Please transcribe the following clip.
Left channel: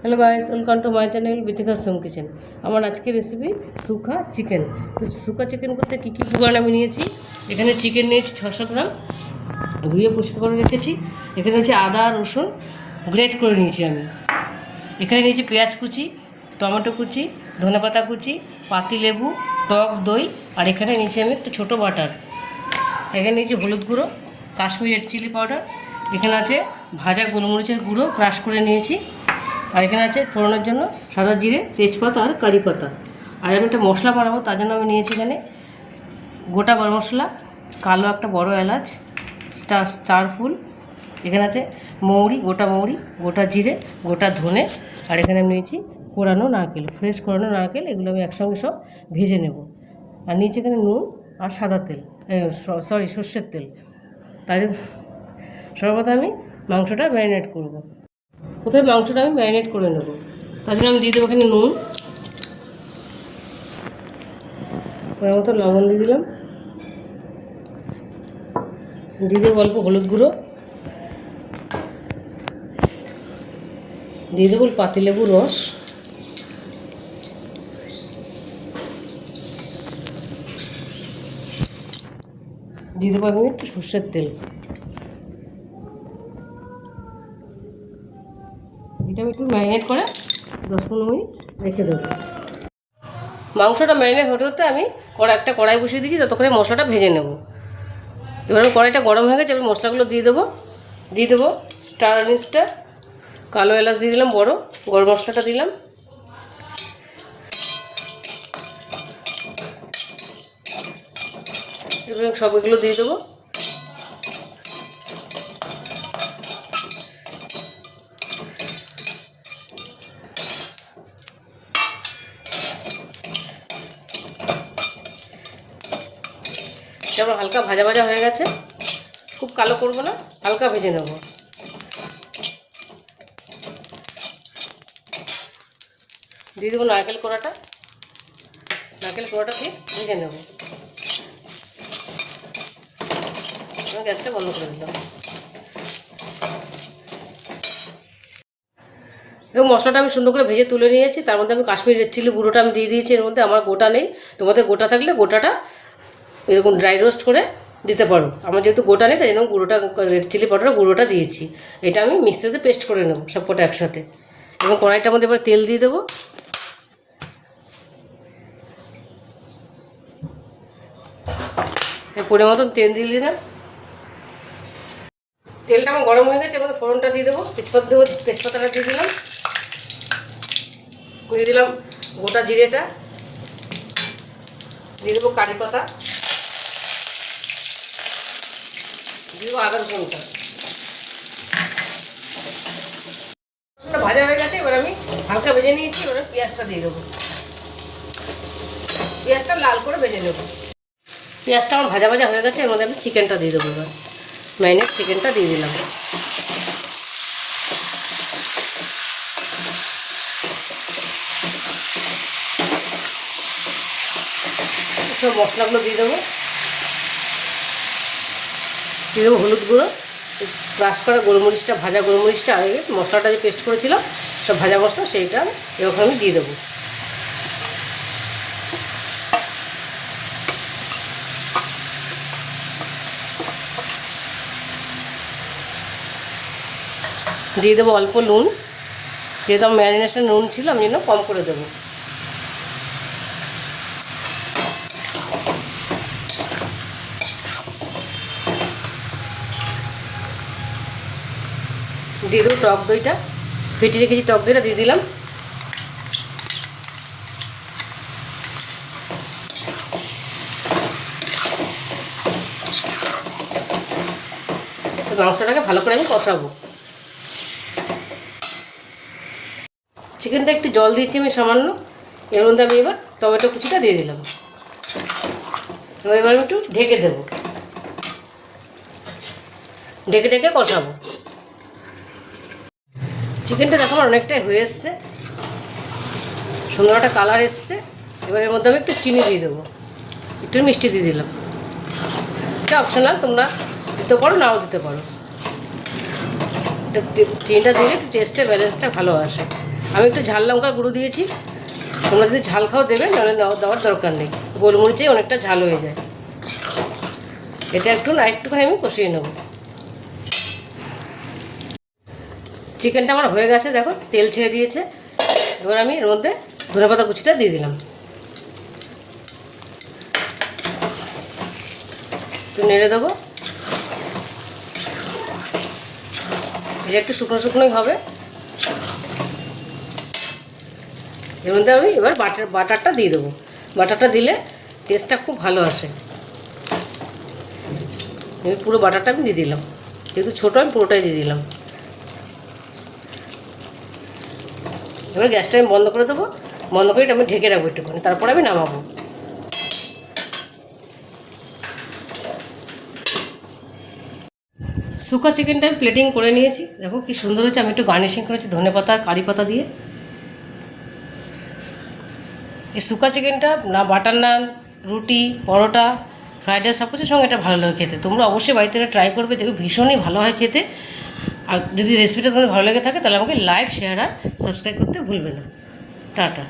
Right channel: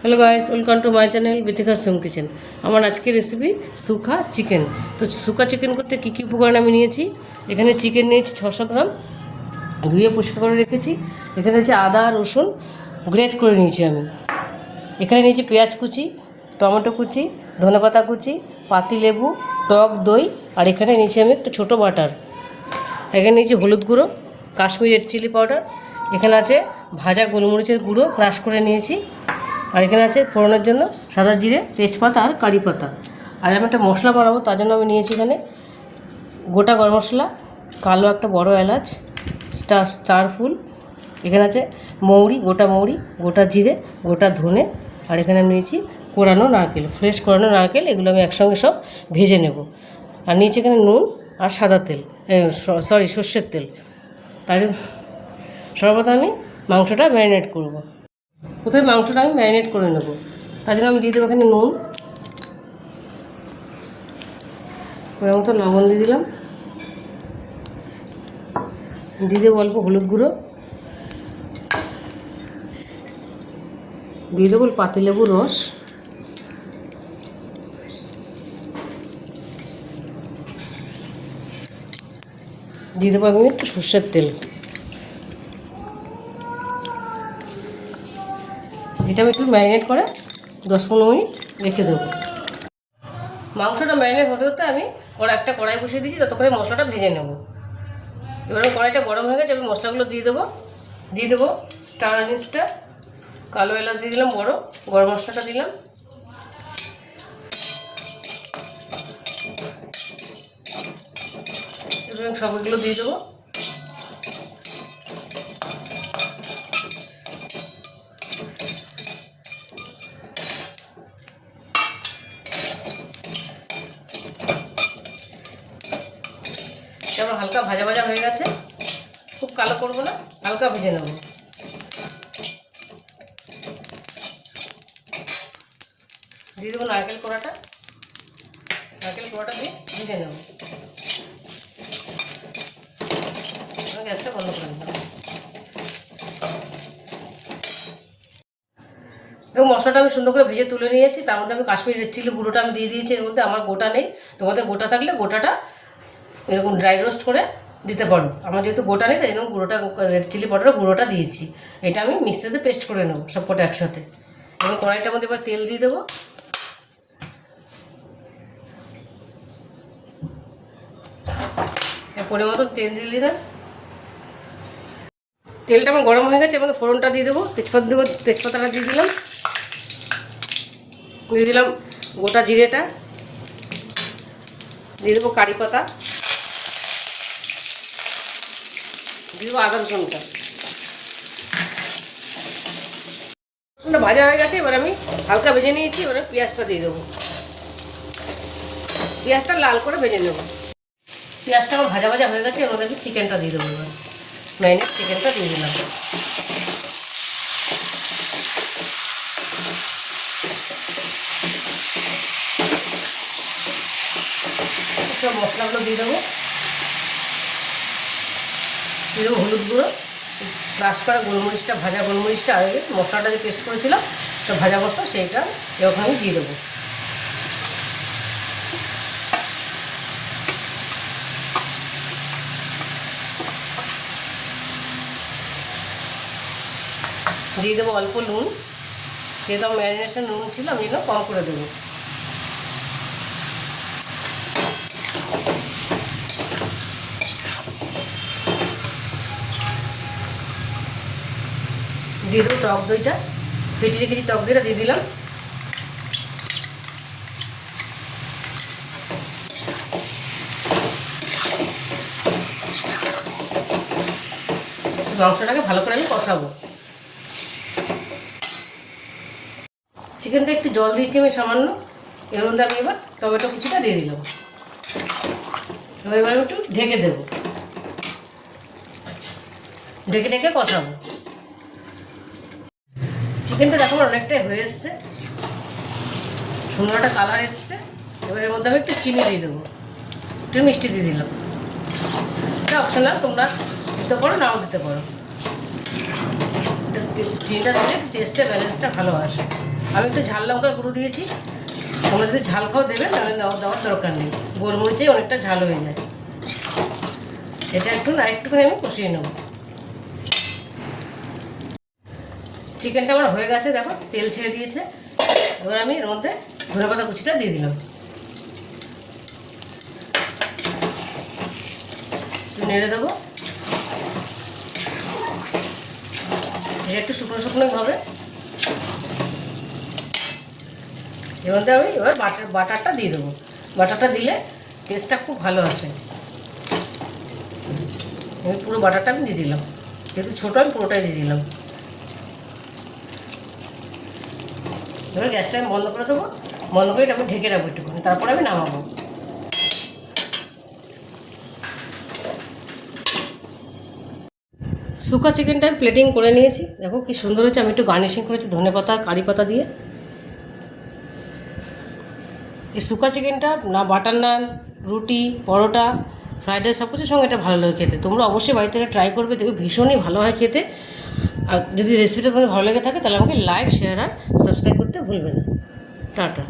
Hello guys, welcome to my channel Bithika's home kitchen. আমার আজকের recipe সুখা chicken. তো সুখা chicken করতে কী কী উপকরণ আমি নিয়েছি, এখানে চিকেন নিয়েছি 600 গ্রাম, ধুয়ে পরিষ্কার করে রেখেছি। এখানে হচ্ছে আদা রসুন গ্রেট করে নিয়েছি আমি। এখানে নিয়েছি পেঁয়াজ কুচি, টমেটো কুচি, ধনেপাতা কুচি, পাতি লেবু, টক দই, আর এখানে নিয়েছি আমি একটা ছোটো বাটার। এখানে নিয়েছি হলুদ গুঁড়ো, কাশ্মীরি রেড চিলি পাউডার, এখানে আছে ভাজা গোলমরিচের গুঁড়ো ক্রাশ করে নিয়েছি, আর এখানে আছে ফোড়নের জন্য সাদা জিরে, তেজপাতা আর কারি পাতা। আর আমি একটা মশলা বানাবো, তার জন্য আমি নিয়েছি এখানে গোটা গরম মশলা, কালো একটা বড় এলাচ, স্টার ফুল, এখানে আছে মৌরি, গোটা জিরে, গোটা ধনে, আর এখানে আমি নিয়েছি কোরানো নারকেল, ফ্রেশ কোরানো নারকেল। এগুলো আমি একসঙ্গে সব ভেজে নেব। আর নিয়েছি এখানে নুন আর সাদা তেল, সর্ষের তেল। তাই সর্বপ্রথম আমি মাংসটা ম্যারিনেট করব। প্রথমে মাংসটা আমি ম্যারিনেট করে নেব। তার জন্য আমি দিয়ে দেবো এখানে নুন, মতো লবণ দিয়ে দিলাম, দিয়ে দেবো অল্প হলুদ গুঁড়ো, দিয়ে দেবো পাতিলেবুর রস, দিয়ে দেবো আমি একটু সর্ষের তেল। এটা আমি একটু ম্যারিনেট করে 10-15 মিনিট রেখে দেবো। মাংসটা ম্যারিনেট হতে হতে আমি একটা কড়াই বসিয়ে দিয়েছি, ততক্ষণে মশলাটা ভেজে নেব। এবার আমি কড়াইটা গরম হয়ে গেছে, এবার মশলাগুলো দিয়ে দেবো স্টার আনিসটা, কালো এলাচ দিয়ে দিলাম বড়, গরম মশলাটা দিলাম, এবং সবগুলো দিয়ে দেবো। যেমন হালকা ভাজা ভাজা হয়ে গেছে, খুব কালো করবো না, হালকা ভেজে নেব। দিয়ে দেবো নারকেল কোড়াটা দিয়ে ভেজে নেব। গ্যাসটা বন্ধ করে দিলাম। এবং মশলাটা আমি সুন্দর করে ভেজে তুলে নিয়েছি। তার মধ্যে আমি কাশ্মীরি রেড চিলি গুঁড়োটা আমি দিয়ে দিয়েছি। এর মধ্যে আমার গোটা নেই, তোমাদের গোটা থাকলে গোটাটা এরকম ড্রাই রোস্ট করে দিতে পারো। আমার যেহেতু গোটা নেই, তাই জন্য গুঁড়োটা, রেড চিলি পাউডারের গুঁড়োটা দিয়েছি। এটা আমি মিক্সিতে পেস্ট করে নেব সব কটা একসাথে। এবং কড়াইটার মধ্যে এবার তেল দিয়ে দেবো। পরিমাণ মতন তেল দিয়ে দিলাম। তেলটা আমার গরম হয়ে গেছে, এবং ফোড়নটা দিয়ে দেবো। তেজপাতাটা দিয়ে দিলাম গোটা জিরেটা, দিয়ে দেবো কারি পাতা, দিয়ে দেবো আদা রসুনটা। ভাজা হয়ে গেছে, এবার আমি হালকা ভেজে নিয়েছি। এবারে পেঁয়াজটা দিয়ে দেবো, পেঁয়াজটা লাল করে ভেজে নেব। পেঁয়াজটা আমার ভাজা ভাজা হয়ে গেছে, এর মধ্যে আমি চিকেনটা দিয়ে দেবো। এবার ম্যারিনেট চিকেনটা দিয়ে দিলাম। সব মশলাগুলো দিয়ে দেবো হলুদ গুঁড়ো, ক্রাশ করা গোলমরিচটা, ভাজা গোলমরিচটা, আগে মশলাটা যে পেস্ট করেছিলাম সব ভাজা মশলা, সেইটা এবার আমি দিয়ে দেবো। দিয়ে দেবো অল্প নুন, যেহেতু আমার ম্যারিনেশন নুন ছিল, আমি জন্য কম করে দেবো। দিয়ে দেবো টক দইটা, ফেটিয়ে রেখেছি টক দইটা দিয়ে দিলাম। মাংসটাকে ভালো করে আমি কষাবো। চিকেনটা একটু জল দিয়েছি আমি সামান্য, এর মধ্যে আমি এবার টমেটো কুচিটা দিয়ে দিলাম। এবার আমি একটু ঢেকে দেবো, ঢেকে কষাবো। চিকেনটা দেখো অনেকটাই হয়ে এসছে, সুন্দর একটা কালার এসছে। এবার এর মধ্যে আমি একটু চিনি দিয়ে দেবো, একটু মিষ্টি দিয়ে দিলাম। এটা অপশনাল, তোমরা দিতে পারো নাও দিতে পারো। চিনিটা দিলে টেস্টের ব্যালেন্সটা ভালো আসে। আমি একটু ঝাল লঙ্কার গুঁড়ো দিয়েছি, তোমরা যদি ঝাল খাও দেবে, নাহলে দেওয়ার দরকার নেই, গোলমরিচেই অনেকটা ঝাল হয়ে যায়। এটা একটুখানি আমি কষিয়ে নেব। চিকেনটা আমার হয়ে গেছে, দেখো তেল ছেড়ে দিয়েছে। এবার আমি এর মধ্যে ধনেপাতা কুচিটা দিয়ে দিলাম, একটু নেড়ে দেবো। এটা একটু শুকনো শুকনোই হবে। এর মধ্যে আমি এবার বাটারটা দিয়ে দেবো। বাটারটা দিলে টেস্টটা খুব ভালো আসে। আমি পুরো বাটারটা আমি দিয়ে দিলাম, যেহেতু ছোটো আমি পুরোটাই দিয়ে দিলাম। এবার গ্যাসটা আমি বন্ধ করে দেবো, বন্ধ করে আমি ঢেকে রাখবো একটুখানি, তারপরে আমি নামাবো। শুকা চিকেনটা আমি প্লেটিং করে নিয়েছি, দেখো কি সুন্দর হয়েছে। আমি একটু গার্নিশিং করেছি ধনেপাতা কারি পাতা দিয়ে। এই শুকা চিকেনটা না বাটার নান, রুটি, পরোটা, ফ্রাইড রাইস সব কিছুর সঙ্গে এটা ভালো লাগে খেতে। তোমরা অবশ্যই বাড়িতে ট্রাই করবে, দেখো ভীষণই ভালো হয় খেতে। আর যদি রেসিপিটা তোমাদের ভালো লেগে থাকে তাহলে আমাকে লাইক, শেয়ার আর সাবস্ক্রাইব করতে ভুলবে না। টাটা।